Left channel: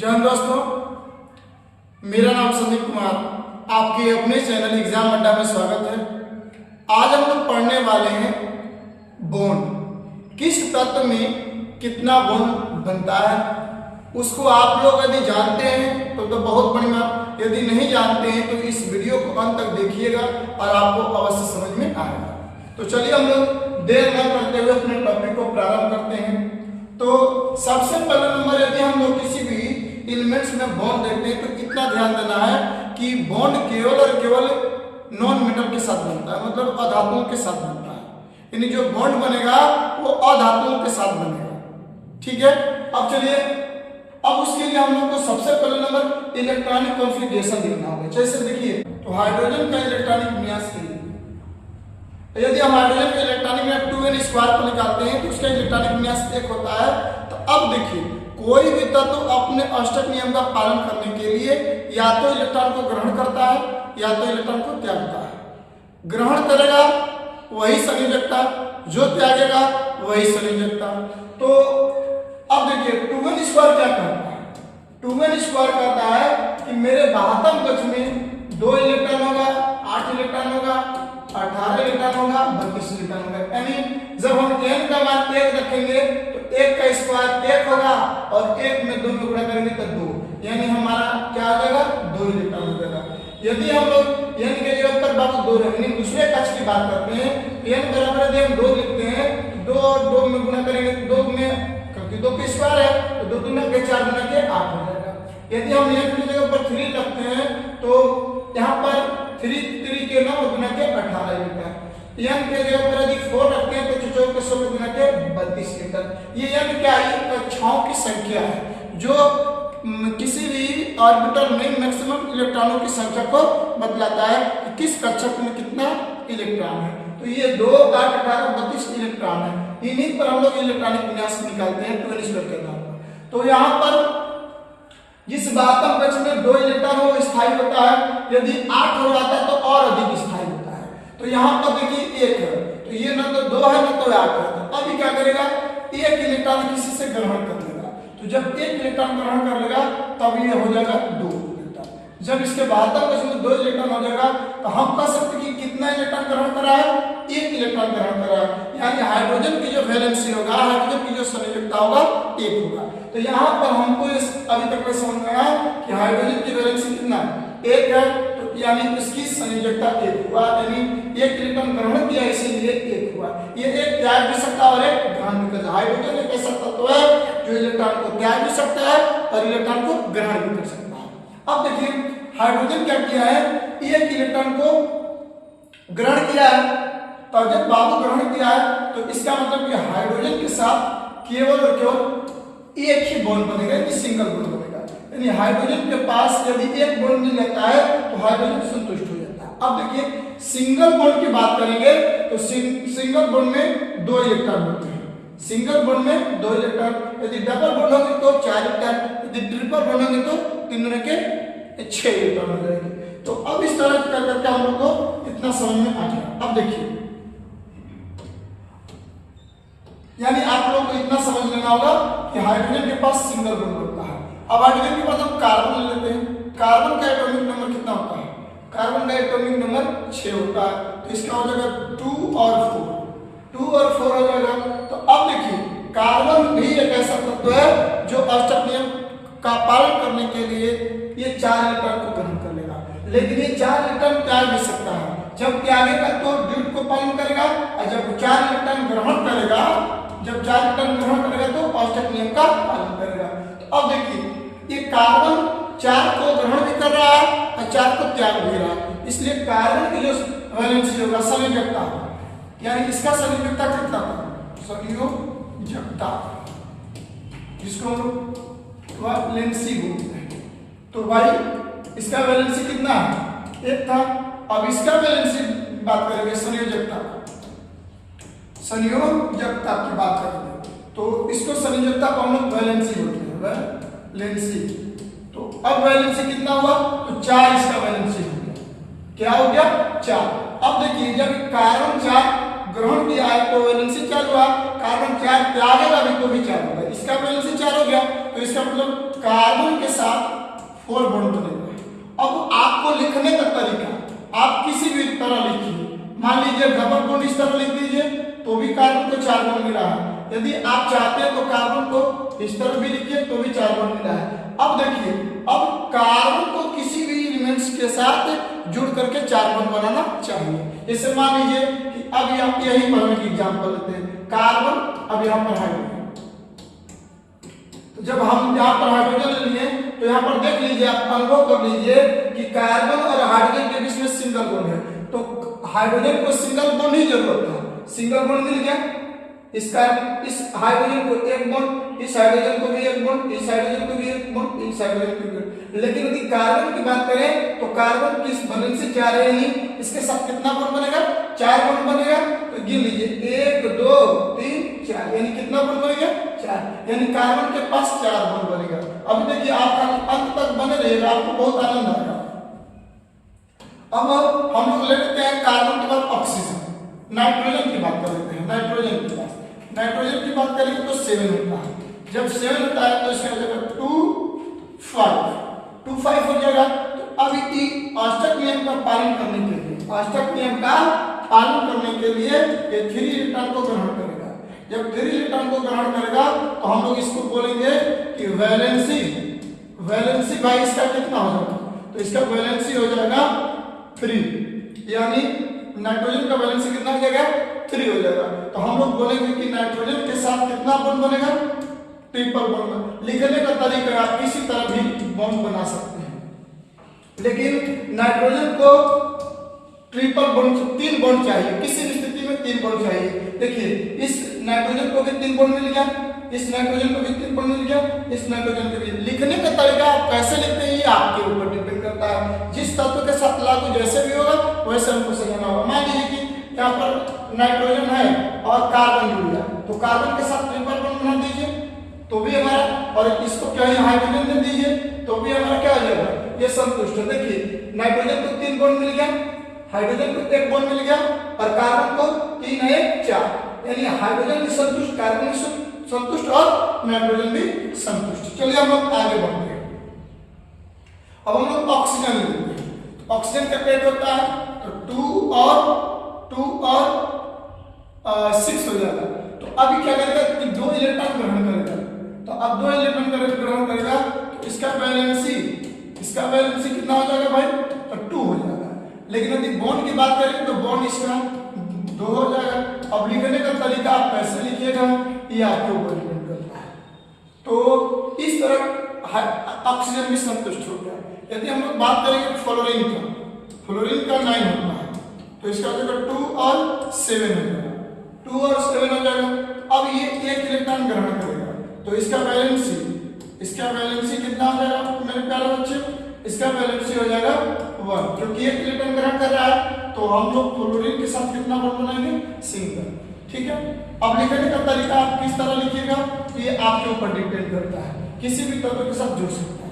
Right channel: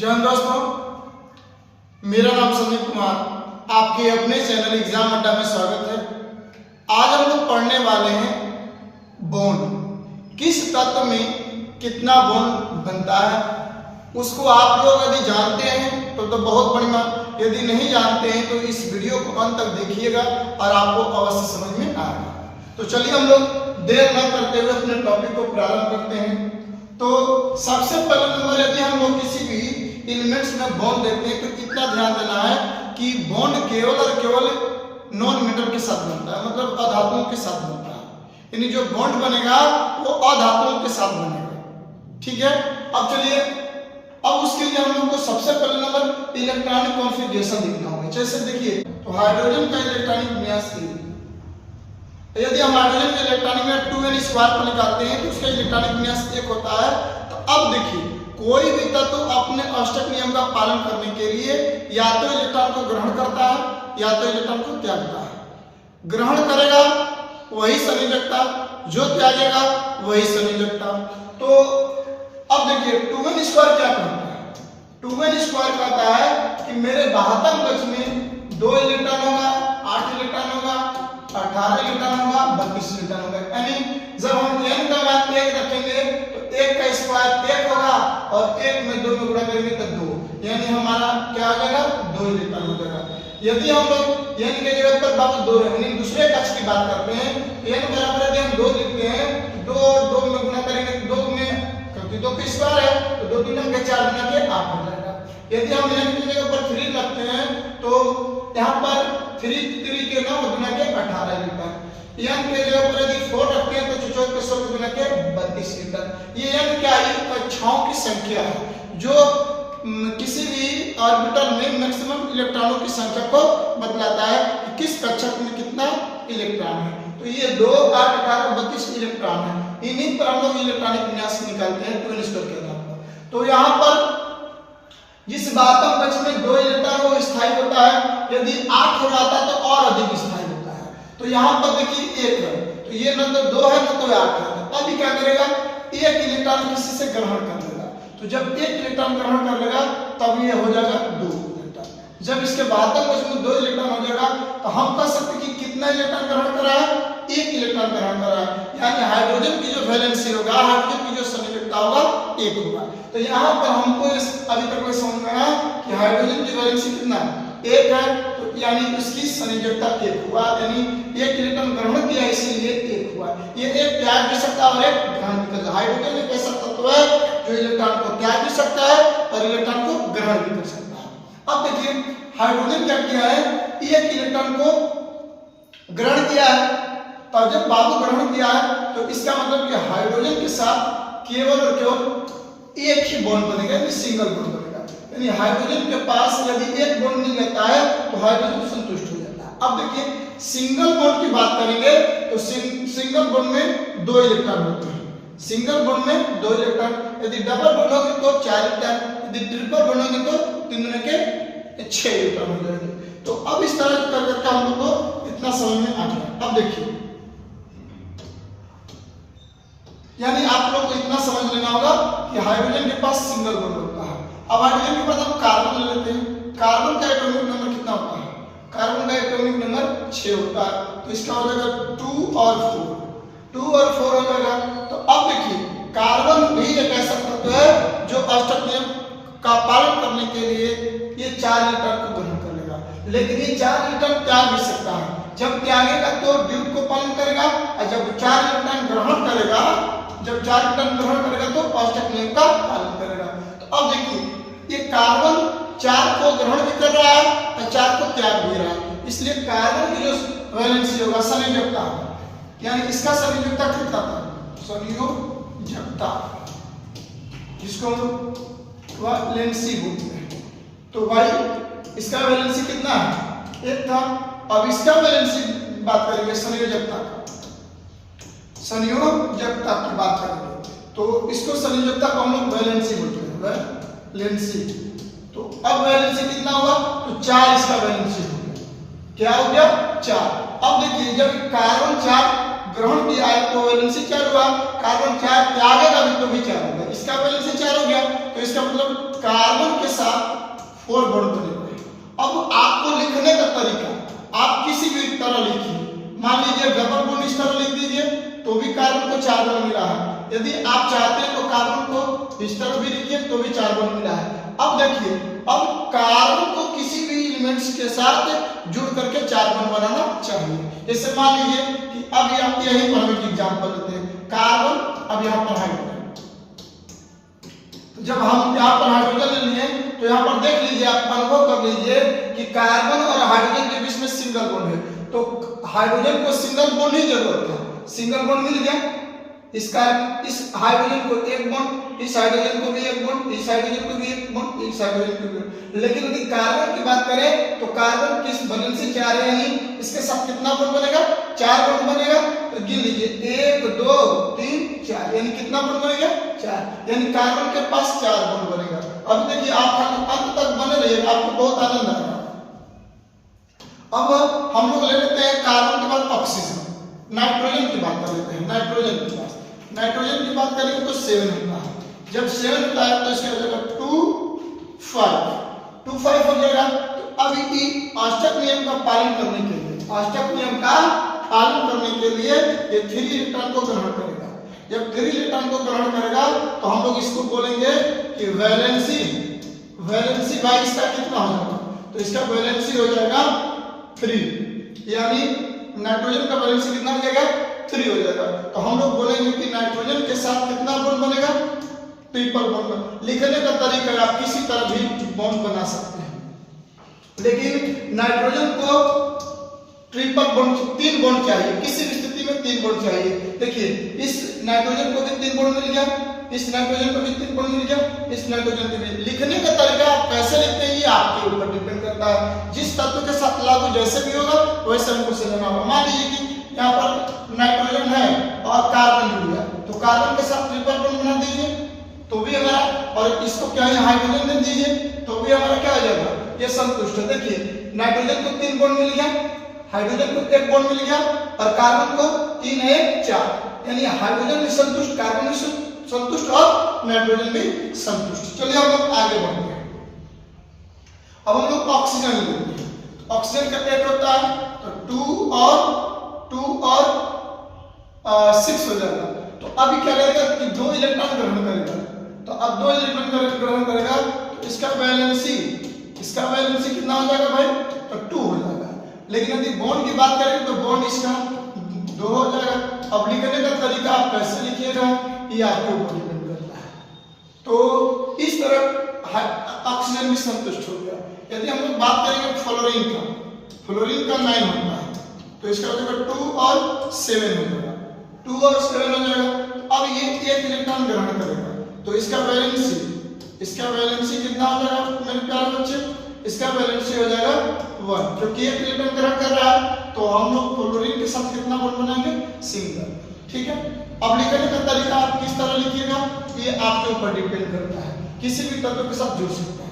जय हिंद दोस्तों, मेरा नाम संदीप कुमार, आपके अपने चैनल एग्जाम अड्डा में स्वागत है। आज हम लोग पढ़ने वाले हैं बॉन्ड। किस तत्व में कितना बॉन्ड बनता है उसको आप लोग यदि जानते हैं तो बहुत बढ़िया, यदि नहीं जानते हैं तो इस वीडियो को अंत तक देखिएगा और आपको अवश्य समझ में आएगा। तो चलिए हम लोग देर न करते हुए अपने टॉपिक को प्रारंभ करते हैं। तो सबसे पहले नंबर, यदि हम लोग किसी भी एलिमेंट्स में बॉन्ड देखते हैं तो इतना ध्यान देना है कि बॉन्ड केवल और केवल नॉन मेटल के साथ बनता है, मतलब अधातुओं के साथ बनता है। यानी जो बॉन्ड बनेगा वो अधातुओं के साथ बनेगा। ठीक है, अब चलिए, अब उसके लिए हम लोग को सबसे पहले नंबर इलेक्ट्रॉनिक कॉन्फ़िगरेशन देखना होगा। जैसे देखिए, तो हाइड्रोजन का इलेक्ट्रॉनिक विन्यास यदि हम हाइड्रोजन के इलेक्ट्रॉनिक विन्यास 2n² पर निकालते हैं तो उसका इलेक्ट्रॉनिक विन्यास 1 होता है। तो अब देखिए, कोई भी तत्व अपने अष्टक नियम का पालन करने के लिए या तो इलेक्ट्रॉन को ग्रहण करता है या तो इलेक्ट्रॉन को त्यागता है। ग्रहण करेगा वही संयोजकता, जो त्यागेगा वही संयोजकता। तो अब देखिए 2n² क्या कहता है? 2n² कहता है कि मेरे बाहतम कक्ष में 2 इलेक्ट्रॉन होगा, 8 इलेक्ट्रॉन होगा, 18 इलेक्ट्रॉन होगा, 32 इलेक्ट्रॉन होगा। यानी जब हम n का मान 1 रखेंगे तो 1 का स्क्वायर 1 होगा और 1 में 2 में गुणा करेंगे तो 2, यानी हमारा क्या हो जाएगा? 2 इलेक्ट्रॉन हो जाएगा। यदि हम लोग n के जगह पर बाबू 2 यानी दूसरे कक्ष की बात करते हैं, n बराबर यदि हम 2 लिखते हैं, 2 और 2 में गुणा करेंगे तो 2 में, क्योंकि 2 का स्क्वायर है तो 2 3 के 4 गुना के 8 हो जाएगा। यदि हम n की जगह पर 3 रखते हैं तो यहाँ पर 3 के 9 गुना के 18 इलेक्ट्रॉन। n के जगह पर यदि 4 रखते हैं तो 4 के 16 गुना के 32 इलेक्ट्रॉन। ये n क्या है? कक्षाओं की संख्या है जो किसी भी ऑर्बिटल में मैक्सिमम इलेक्ट्रॉनों की संख्या को बतलाता है कि किस कक्षक में कितना इलेक्ट्रॉन है। तो ये 2, 8, 18, 32 इलेक्ट्रॉन है। इन्हीं पर हम लोग इलेक्ट्रॉनिक विन्यास निकालते हैं 2n² के नाम पर। तो यहाँ पर जिस बाहतम कक्ष में 2 इलेक्ट्रॉन वो स्थायी होता है, यदि 8 हो जाता है तो और अधिक स्थायी होता है। तो यहाँ पर देखिए 1 है तो ये न तो 2 है न तो 8 है। तो अभी क्या करेगा? 1 इलेक्ट्रॉन किसी से ग्रहण कर लेगा। तो जब 1 इलेक्ट्रॉन ग्रहण कर लेगा तब ये हो जाएगा 2 इलेक्ट्रॉन। जब इसके बाहतम कक्ष में 2 इलेक्ट्रॉन हो जाएगा तो हम कह सकते हैं कि कितना इलेक्ट्रॉन ग्रहण करा है? 1 इलेक्ट्रॉन ग्रहण करा है। यानी हाइड्रोजन की जो वैलेंसी होगा, हाइड्रोजन की जो संयोजकता होगा 1 होगा। तो यहाँ पर हमको अभी तक में समझ में आया कि हाइड्रोजन की वैलेंसी कितना है? 1 है। तो यानी इसकी संयोजकता 1 हुआ, यानी 1 इलेक्ट्रॉन ग्रहण किया इसीलिए 1 हुआ। ये एक त्याग भी सकता है और एक ग्रहण भी करता है। हाइड्रोजन एक ऐसा तत्व है जो इलेक्ट्रॉन को त्याग भी सकता है और इलेक्ट्रॉन को ग्रहण भी कर सकता है। अब देखिए, हाइड्रोजन क्या किया है? 1 इलेक्ट्रॉन को ग्रहण किया है। तो जब बाबू ग्रहण किया है तो इसका मतलब कि हाइड्रोजन के साथ केवल और केवल एक ही बॉन्ड बनेगा, यानी सिंगल बॉन्ड बनेगा। यानी हाइड्रोजन के पास यदि एक बॉन्ड मिल जाता है तो हाइड्रोजन संतुष्ट हो जाता है। अब देखिए, सिंगल बॉन्ड की बात करेंगे तो सिंगल बॉन्ड में 2 इलेक्ट्रॉन होते हैं। सिंगल बॉन्ड में 2 इलेक्ट्रॉन, यदि डबल बॉन्ड होगी तो 4 इलेक्ट्रॉन, यदि ट्रिपल बॉन्ड होगी तो 3 गुना के 6 इलेक्ट्रॉन हो जाएंगे। तो अब इस तरह कर करके हम लोग को इतना समझ में आ गया। अब देखिए, यानी आप लोग को इतना समझ लेना होगा कि हाइड्रोजन के पास सिंगल बॉन्ड होता है। अब हाइड्रोजन के पास हम कार्बन ले लेते हैं। कार्बन का एटॉमिक नंबर कितना होता है? कार्बन का एटॉमिक नंबर 6 होता है। तो इसका हो जाएगा 2 और 4, 2 और 4 हो जाएगा। तो अब देखिए, कार्बन भी एक ऐसा तत्व है जो अष्टक नियम का पालन करने के लिए ये 4 इलेक्ट्रॉन को ग्रहण कर लेगा, लेकिन ये 4 इलेक्ट्रॉन त्याग भी सकता है। जब त्यागेगा तो ड्यूट को पालन करेगा और जब 4 इलेक्ट्रॉन ग्रहण करेगा, जब 4 इलेक्ट्रॉन ग्रहण करेगा तो अष्टक नियम का पालन करेगा। तो अब देखिए, ये कार्बन 4 को ग्रहण भी कर रहा है और 4 को त्याग भी रहा है, इसलिए कार्बन की जो वैलेंसी होगा संयोजकता, यानी इसका संयोजकता कितना था? संयोजकता, जिसको वैलेंसी बोलते हैं। तो भाई इसका वैलेंसी कितना है? 1 था। अब इसका वैलेंसी बात करेंगे संयोजकता, संयोजकता की बात करेंगे तो इसको संयोजकता को हम लोग वैलेंसी बोलते हैं, वैलेंसी। तो अब वैलेंसी कितना हुआ? तो 4 इसका वैलेंसी हो गया। क्या हो गया? 4। अब देखिए, जब कार्बन 4 ग्रहण किया है तो वैलेंसी 4 हुआ, कार्बन 4 त्यागेगा भी तो भी 4 होगा। इसका वैलेंसी 4 हो गया, तो इसका मतलब कार्बन के साथ 4 बॉन्ड बनेगा। अब आपको लिखने का तरीका आप किसी भी तरह लिखिए। मान लीजिए डबल बॉन्ड इस तरह लिख दीजिए तो भी कार्बन को 4 बॉन्ड मिला है। यदि आप चाहते हैं तो कार्बन को इस तरह भी लिखिए तो भी 4 बॉन्ड मिला है। अब देखिए, अब कार्बन को किसी भी एलिमेंट्स के साथ जुड़ करके 4 बॉन्ड बनाना चाहिए। जैसे मान लीजिए कि अब आप यहीं पर हम एक एग्जांपल लेते हैं, कार्बन अब यहाँ पर हाइड्रोजन। तो जब हम यहाँ पर हाइड्रोजन ले लिए तो यहाँ पर देख लीजिए, आप अनुभव कर लीजिए कि कार्बन और हाइड्रोजन के बीच में सिंगल बॉन्ड है, तो हाइड्रोजन को सिंगल बॉन्ड ही जरूरत है। सिंगल बॉन्ड मिल गया, इसका इस हाइड्रोजन को एक बॉन्ड, इस हाइड्रोजन को भी एक बॉन्ड, इस हाइड्रोजन को भी एक बॉन्ड, इस हाइड्रोजन को भी। लेकिन यदि कार्बन की बात करें तो कार्बन किस वैलेंसी 4 है ही, इसके साथ कितना बॉन्ड बनेगा? 4 बॉन्ड बनेगा। तो गिन लीजिए 1 2 3 4, यानी कितना बॉन्ड बनेगा? 4, यानी कार्बन के पास 4 बॉन्ड बनेगा। अब देखिए आप अंत तक बने रहिएगा, आपको बहुत आनंद आएगा। अब हम लोग ले लेते हैं कार्बन के बाद ऑक्सीजन, नाइट्रोजन की बात कर लेते हैं। नाइट्रोजन की बात करेंगे तो 7 होता है। जब 7 होता है तो इसका हो जाएगा 2 5 हो जाएगा। तो अब ये अष्टक नियम का पालन करने के लिए, अष्टक नियम का पालन करने के लिए ये 3 इलेक्ट्रॉन को ग्रहण करेगा। जब 3 इलेक्ट्रॉन को ग्रहण करेगा तो हम लोग इसको बोलेंगे कि वैलेंसी भाई इसका कितना हो जाएगा? तो इसका वैलेंसी हो जाएगा 3, यानी नाइट्रोजन का वैलेंसी कितना हो जाएगा? 3 हो जाएगा। तो हम लोग बोलेंगे कि नाइट्रोजन के साथ कितना बॉन्ड बनेगा? Triple bond. लिखने का तरीका आप किसी तरह भी बॉन्ड बना सकते हैं, लेकिन नाइट्रोजन को ट्रिपल बॉन्ड 3 बॉन्ड चाहिए, किसी भी स्थिति में 3 बॉन्ड चाहिए। देखिए इस नाइट्रोजन को भी 3 बॉन्ड मिल गया, इस नाइट्रोजन को भी 3 बॉन्ड मिल गया, इस नाइट्रोजन को भी। लिखने का तरीका आप कैसे लिखते हैं ये आपके ऊपर डिपेंड करता है। जिस तत्व के साथ लागू जैसे भी होगा वैसे हमको सजाना होगा। मान लीजिए कि यहाँ पर नाइट्रोजन है और कार्बन जुड़ गया, तो कार्बन के साथ ट्रिपल बॉन्ड बना दीजिए तो भी हमारा, और इसको क्या है हाइड्रोजन दे दीजिए तो भी हमारा क्या हो जाएगा? ये संतुष्ट है। देखिए नाइट्रोजन को 3 बॉन्ड मिल गया, हाइड्रोजन को 1 बॉन्ड मिल गया और कार्बन को 3 1 4, यानी हाइड्रोजन भी संतुष्ट, कार्बन भी संतुष्ट और नाइट्रोजन भी संतुष्ट। चलिए हम लोग आगे बढ़ते हैं। अब हम लोग ऑक्सीजन लेते हैं। ऑक्सीजन का रेट होता है तो 2 और 6 हो जाएगा। तो अभी क्या करेगा कि 2 इलेक्ट्रॉन ग्रहण करेगा। तो अब 2 इलेक्ट्रॉन ग्रहण करेगा तो इसका वैलेंसी कितना हो जाएगा भाई? तो 2 हो जाएगा। लेकिन यदि बॉन्ड की बात करें तो बॉन्ड इसका 2 हो जाएगा। अब लिखने का तरीका आप कैसे लिखिएगा ये आपके ऊपर डिपेंड करता है। तो इस तरह ऑक्सीजन भी संतुष्ट हो गया। यदि हम लोग बात करेंगे फ्लोरीन का 9 होता है तो इसका हो जाएगा 2 और 7 हो जाएगा, 2 और 7 हो जाएगा। अब ये 1 इलेक्ट्रॉन ग्रहण करेगा तो इसका वैलेंसी कितना हो जाएगा मेरे प्यारे बच्चे? इसका वैलेंसी हो जाएगा 1, क्योंकि 1 इलेक्ट्रॉन ग्रहण कर रहा है तो हम लोग फ्लोरीन के साथ कितना बॉन्ड बनाएंगे? सिंगल। ठीक है। अब लिखने का तरीका आप किस तरह लिखिएगा ये आपके ऊपर डिपेंड करता है, किसी भी तत्व के साथ जुड़ सकता है।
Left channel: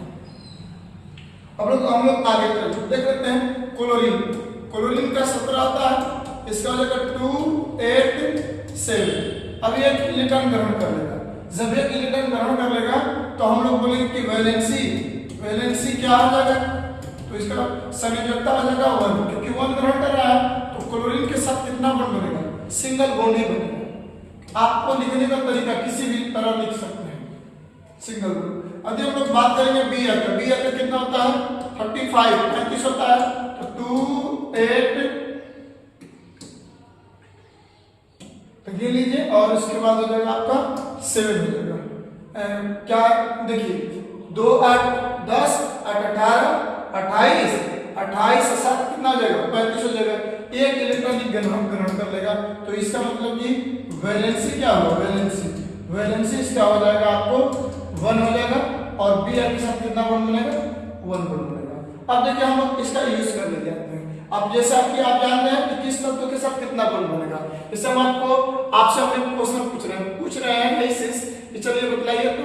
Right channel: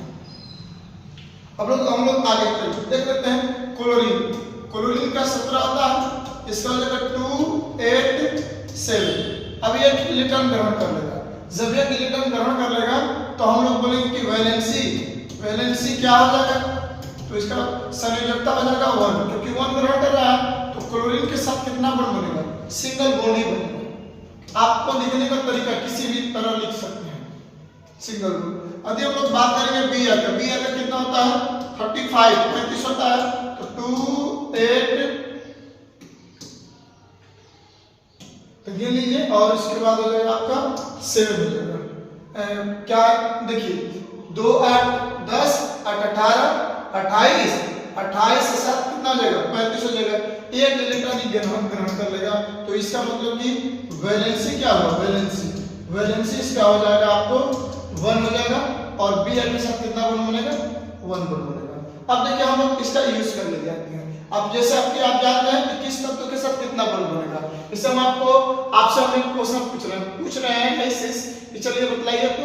अब हम लोग आगे देख लेते हैं क्लोरीन का 17 होता है, इसका हो जाएगा 2 8 7। अब ये 1 इलेक्ट्रॉन ग्रहण कर लेगा। जब 1 इलेक्ट्रॉन ग्रहण कर लेगा तो हम लोग बोलेंगे कि वैलेंसी क्या हो जाएगा? तो इसका संयोजकता हो जाएगा 1, क्योंकि 1 ग्रहण कर रहा है तो क्लोरीन के साथ कितना बॉन्ड बनेगा? सिंगल बॉन्ड ही बनेगा। आपको लिखने का तरीका किसी भी तरह लिख सकते हैं, सिंगल बॉन्ड। यदि हम लोग बात करेंगे Br का कितना होता है? 35 होता है। तो 2 8 ये लीजिए और उसके बाद हो जाएगा आपका 7 हो जाएगा। क्या देखिए 2 8 10 8 18 28 से 7 कितना हो जाएगा? 35 हो जाएगा। 1 इलेक्ट्रॉन ग्रहण कर लेगा तो इसका मतलब कि वैलेंसी क्या होगा? वैलेंसी इसका हो जाएगा आपको 1 हो जाएगा और Br के साथ कितना बॉन्ड बनेगा? 1 बॉन्ड बनेगा। अब देखिए हम लोग इसका यूज कर ले जाते हैं। अब जैसे आप जान रहे हैं कि किस तत्व के साथ कितना बॉन्ड बनेगा, इससे हम आपसे हमने क्वेश्चन पूछ रहे हैं ऐसे, चलिए बताइए। तो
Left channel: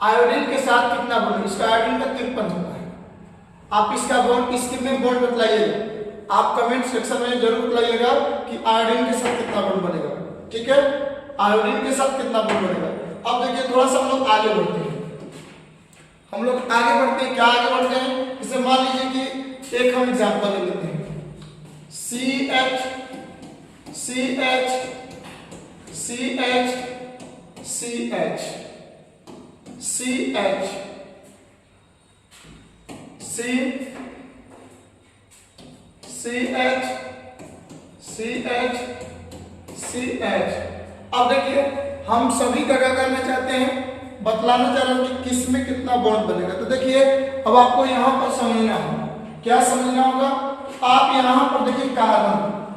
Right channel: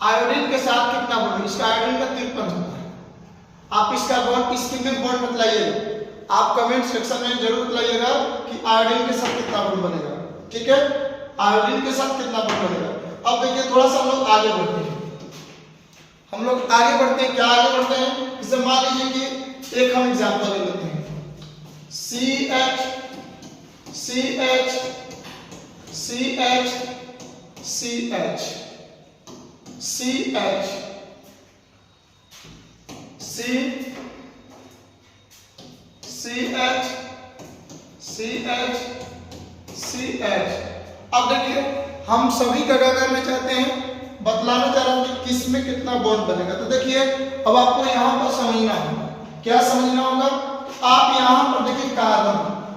आयोडीन के साथ कितना बॉन्ड? इसका आयोडीन का 53 होता है। आप इसका बॉन्ड इसके में बॉन्ड बतलाइएगा, आप कमेंट सेक्शन में जरूर बताइएगा कि आयोडीन के साथ कितना बॉन्ड बनेगा। ठीक है। आयोडीन के साथ कितना बॉन्ड बनेगा। अब देखिए थोड़ा सा हम लोग आगे बढ़ते हैं, क्या आगे बढ़ते हैं, जैसे मान लीजिए कि एक हम एग्जांपल ले लेते हैं, CH CH CH CH CH CH CH CH। अब देखिए हम सभी का क्या करना चाहते हैं, बतलाना चाह रहा हूं कि किस में कितना बॉन्ड बनेगा। तो देखिए अब आपको यहां पर समझना होगा, क्या समझना होगा, आप यहां पर देखिए कार्बन,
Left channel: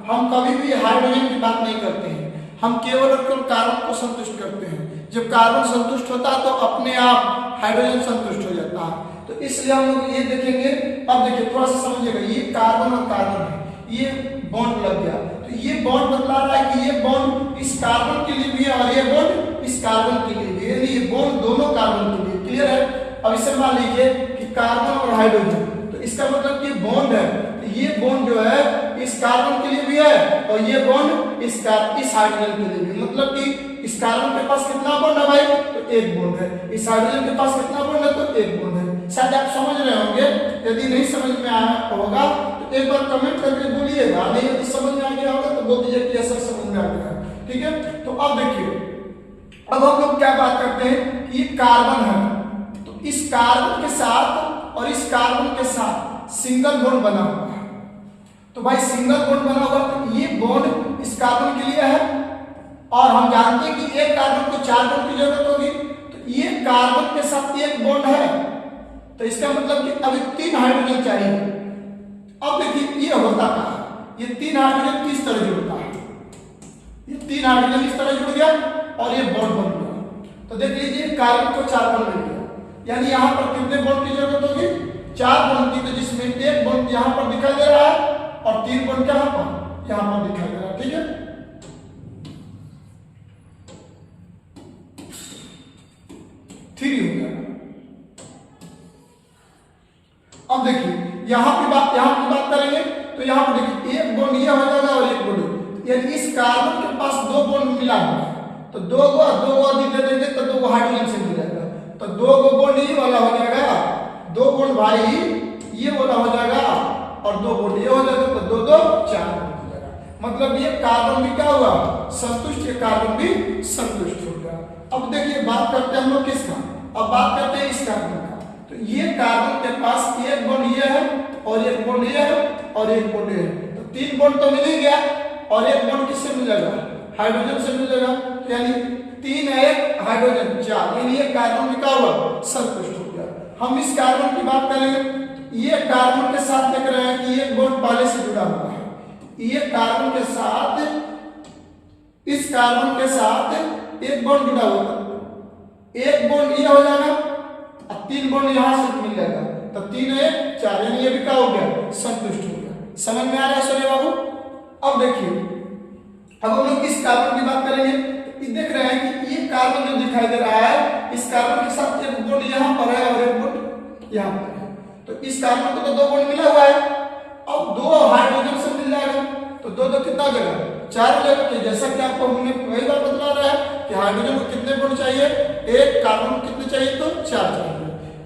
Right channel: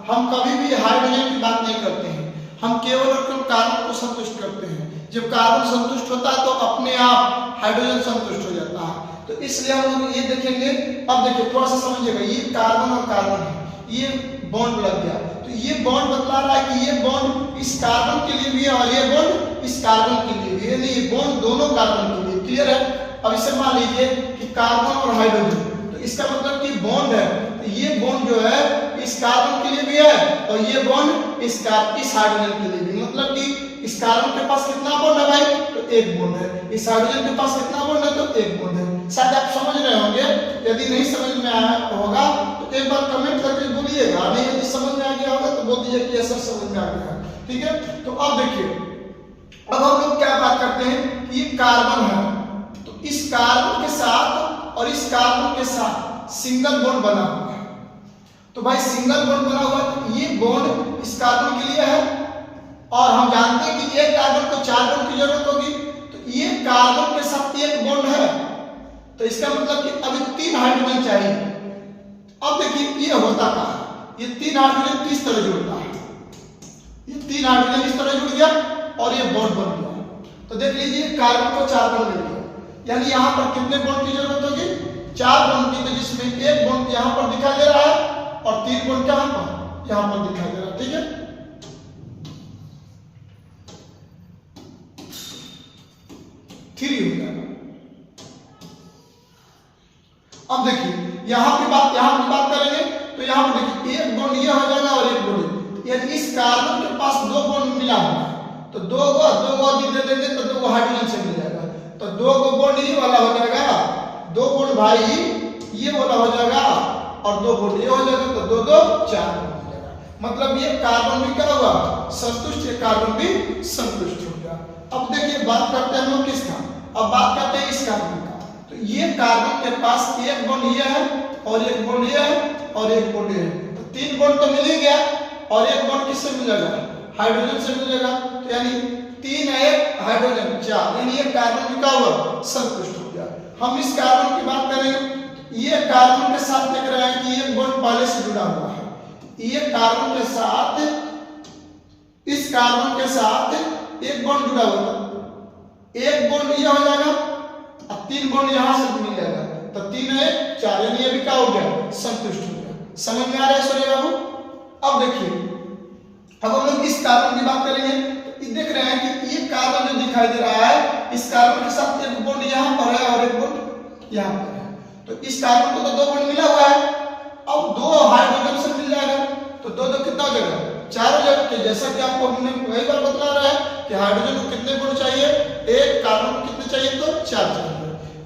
हम कभी भी हाइड्रोजन की बात नहीं करते हैं, हम केवल और केवल कार्बन को संतुष्ट करते हैं। जब कार्बन संतुष्ट होता है तो अपने आप हाइड्रोजन संतुष्ट हो जाता है। तो इसलिए हम लोग ये देखेंगे। अब देखिए थोड़ा सा समझिएगा, ये कार्बन और कार्बन है, ये बॉन्ड लग गया, तो ये बॉन्ड बतला रहा है कि ये बॉन्ड इस कार्बन के लिए भी है और ये बॉन्ड इस कार्बन के लिए भी है, ये बॉन्ड दोनों कार्बन के लिए। क्लियर है। अब इसे मान लीजिए कि कार्बन और हाइड्रोजन, तो इसका मतलब कि बॉन्ड है, तो ये बॉन्ड जो है इस कार्बन के लिए भी है और ये बॉन्ड इस हाइड्रोजन के लिए भी। मतलब कि इस कार्बन के पास कितना बॉन्ड है भाई, तो एक बॉन्ड है, इस हाइड्रोजन के पास कितना बॉन्ड है, तो एक बॉन्ड है। शायद आप समझ रहे होंगे, यदि नहीं समझ में आया होगा तो एक बार कमेंट करके बोलिएगा, नहीं यदि समझ में आ गया होगा तो बोल दीजिए कि ऐसा समझ में आ गया है। ठीक है। तो अब देखिए, अब हम लोग क्या बात करते हैं कि ये कार्बन है, तो इस कार्बन के साथ और इस कार्बन के साथ सिंगल बॉन्ड बना हुआ है। तो भाई सिंगल बॉन्ड बना हुआ है, तो ये बॉन्ड इस कार्बन के लिए है और हम जानते हैं कि एक कार्बन को 4 बॉन्ड की जरूरत होगी, तो ये कार्बन के साथ एक बॉन्ड है, तो इसका मतलब कि अभी 3 हाइड्रोजन चाहिए। अब देखिए ये होता क्या है, ये 3 हाइड्रोजन किस तरह जुड़ता है, ये 3 हाइड्रोजन इस तरह जुड़ गया और ये बॉन्ड बन गया। तो देख लीजिए कार्बन को 4 बॉन्ड मिल गया, यानी यहाँ पर कितने बॉन्ड की जरूरत होगी, 4 बॉन्ड की, तो जिसमें एक बॉन्ड यहाँ पर दिखाई दे रहा है और 3 बॉन्ड कहाँ पर, यहाँ पर दिखाई दे रहा है। ठीक है। थ्री हो गया। अब देखिए यहाँ की बात करेंगे, तो यहाँ पर देखिए एक बॉन्ड ये हो जाएगा और एक बॉन्ड, यानी इस कार्बन के पास 2 बॉन्ड मिला हुआ है, तो 2 अधिक दे देंगे तो 2 हाइड्रोजन से मिल जाएगा, तो 2 बॉन्ड ये वाला हो जाएगा, 2 बॉन्ड भाई ये वाला हो जाएगा और 2 बॉन्ड ये हो जाएगा, तो 2 2 4 बॉन्ड हो जाएगा। मतलब ये कार्बन भी क्या हुआ, संतुष्ट, ये कार्बन भी संतुष्ट हो गया। अब देखिए बात करते हैं हम लोग किसका, अब बात करते हैं इस कार्बन का। तो ये कार्बन के पास एक बॉन्ड ये है और एक बॉन्ड ये है और एक बॉन्ड ये है, तो 3 बॉन्ड तो मिल ही गया और एक बॉन्ड किससे मिल जाएगा, हाइड्रोजन से मिल जाएगा, तो यानी 3 1 हाइड्रोजन 4, यानी ये कार्बन भी क्या हुआ, संतुष्ट हो गया। हम इस कार्बन की बात करेंगे, ये कार्बन के साथ देख रहे हैं कि एक बॉन्ड पहले से जुड़ा हुआ है, ये कार्बन के साथ, इस कार्बन के साथ एक बॉन्ड जुड़ा हुआ है, एक बॉन्ड ये हो जाएगा और 3 बॉन्ड यहां से मिल जाएगा, तो 3 1 4, यानी ये भी क्या हो गया, संतुष्ट हो गया। समझ में आ रहा है सोने बाबू। अब देखिए, अब हम लोग इस कार्बन की बात करेंगे, तो देख रहे हैं कि ये कार्बन जो दिखाई दे रहा है, इस कार्बन के साथ एक बॉन्ड यहां पर है और एक बॉन्ड यहां पर है, तो इस कार्बन को तो 2 बॉन्ड मिला हुआ है, अब 2 हाइड्रोजन से मिल जाएगा, तो 2 2 कितना हो जाएगा, 4 हो जाएगा। तो जैसा कि आपको हमने कई बार बता रहा है कि हाइड्रोजन को कितने बॉन्ड चाहिए, एक कार्बन को कितने चाहिए, तो 4 चाहिए।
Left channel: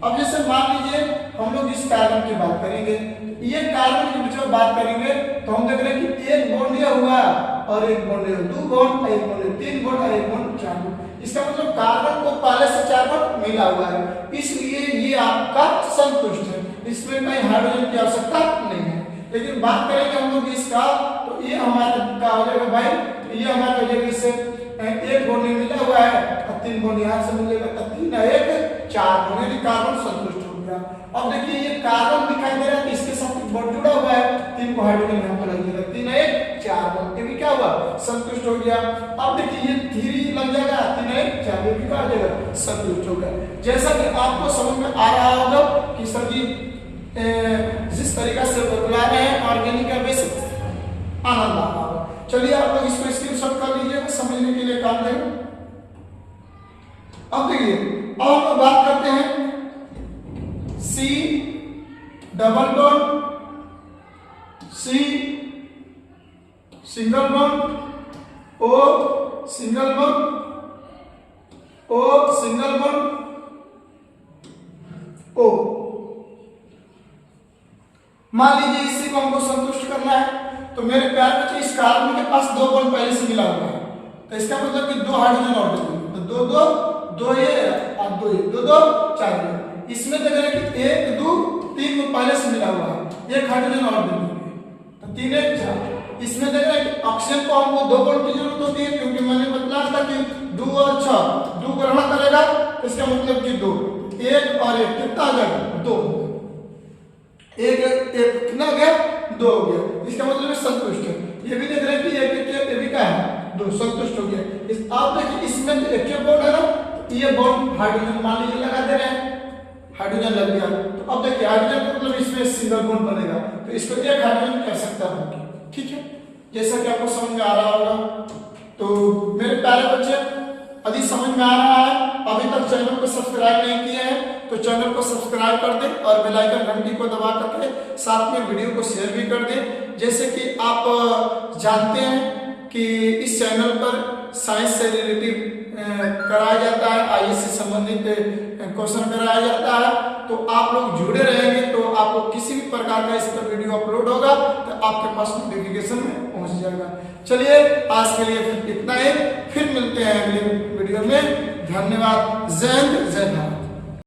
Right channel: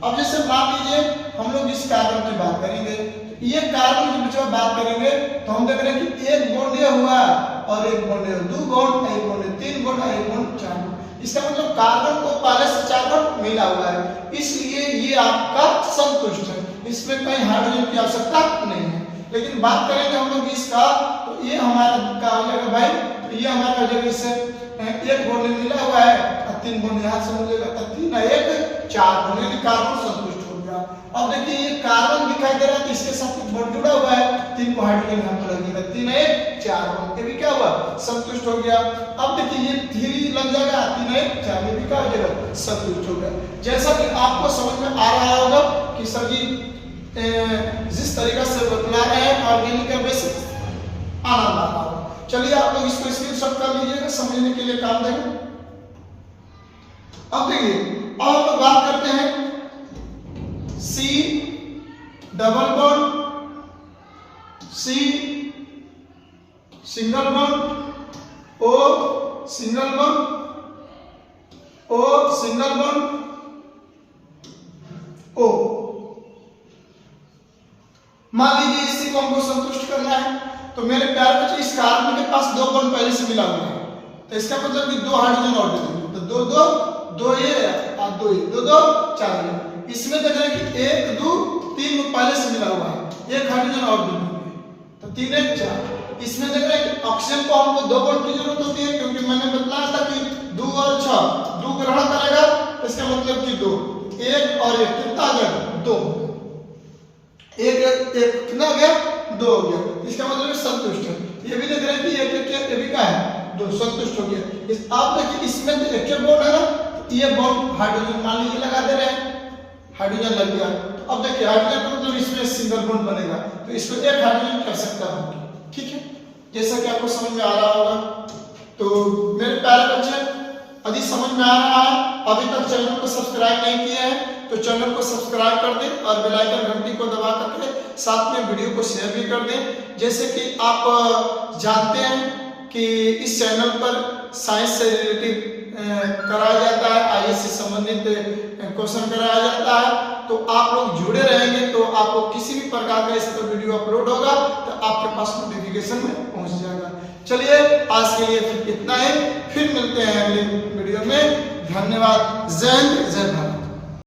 अब जैसे मान लीजिए हम लोग इस कार्बन की बात करेंगे, ये कार्बन के बीच में बात करेंगे, तो हम देख रहे हैं कि एक बॉन्ड ये हुआ और एक बॉन्ड ये, 2 बॉन्ड, एक बॉन्ड, 3 बॉन्ड और एक बॉन्ड 4 बॉन्ड। इसका मतलब कार्बन को पहले से 4 बॉन्ड मिला हुआ है, इसलिए ये आपका संतुष्ट है, इसमें कहीं हाइड्रोजन की आवश्यकता नहीं है। लेकिन बात करेंगे हम लोग इसका, तो ये हमारा क्या हो जाएगा भाई, ये हमारा हो जाएगा, इससे एक बॉन्ड मिला हुआ है और 3 बॉन्ड यहाँ से मिलेगा, तो 3 1 4 बॉन्ड, यानी कार्बन संतुष्ट हो गया। अब देखिए ये कार्बन दिखाई दे रहा है, तो इसके साथ एक बॉन्ड जुड़ा हुआ है, 3 को हाइड्रोजन यहाँ पर लगेगा, 3 1 4 बॉन्ड, ये भी क्या हुआ, संतुष्ट हो गया। अब देखिए ये 3 लग जाएगा, 3 1 4, ये भी क्या हो जाएगा, संतुष्ट हो गया। जैसा कि आपको समझ में आ रहा होगा कि सर जी जिस तरीका से बतला रहे हैं ऑर्गेनिक का बेसिक आनंद आ रहा होगा। चलिए आप लोग इसको स्क्रीनशॉट कर लीजिएगा, समझने के लिए काम देंगे। अब देखिए, अब हम लोग बात करते हैं C double bond, C single bond, O single bond, O single bond, O। मान लीजिए इसी को हमको संतुष्ट करना है, तो मेरे प्यार बच्चे इस कार्बन के पास 2 बॉन्ड पहले से मिला हुआ है, तो इसका मतलब कि 2 हाइड्रोजन और दे देंगे, तो 2 2 2 ये और 2 ये, 2 2 4 ये। इसमें देख रहे हैं कि 1 2 3 में पहले से मिला हुआ है, 1 हाइड्रोजन और दे देंगे, तो 3 1 4। इसमें देख रहे हैं कि ऑक्सीजन को हमको 2 बॉन्ड की जरूरत होती है, क्योंकि मैंने बताया था कि 2 और 6 2 ग्रहण करेगा, तो इसका मतलब कि 2 1 और 1 कितना आ गया 2, 1 कितना हो गया 2 हो गया, इसका मतलब संतुष्ट है। ये भी देख रहे हैं कि ये भी क्या है 2, संतुष्ट हो गया। इस आप देखिए इसमें तो एक बॉन्ड है ना, तो ये बॉन्ड हाइड्रोजन मान लीजिए लगा दे रहे हैं, हाइड्रोजन लग गया, तो अब देखिए हाइड्रोजन का मतलब इसमें सिंगल बॉन्ड बनेगा, तो इसको एक हाइड्रोजन की आवश्यकता होगी। ठीक है, जैसा कि आपको समझ में आ रहा होगा। तो मेरे प्यारे बच्चे, यदि समझ में आ रहा है, अभी तक चैनल को सब्सक्राइब नहीं किए हैं तो चैनल को सब्सक्राइब कर दें और बेल आइकन घंटी को दबा करके साथ में वीडियो को शेयर भी कर दें। जैसे कि आप जानते हैं कि इस चैनल पर साइंस से रिलेटिव कराया जाता है, आईएएस से संबंधित क्वेश्चन कराया जाता है, तो आप लोग जुड़े रहेंगे तो आपको किसी भी प्रकार का इस पर वीडियो अपलोड होगा तो आपके पास नोटिफिकेशन में पहुंच जाएगा। चलिए आज के लिए फिर इतना ही, फिर मिलते हैं अगले वीडियो में। धन्यवाद। जय हिंद, जय भारत।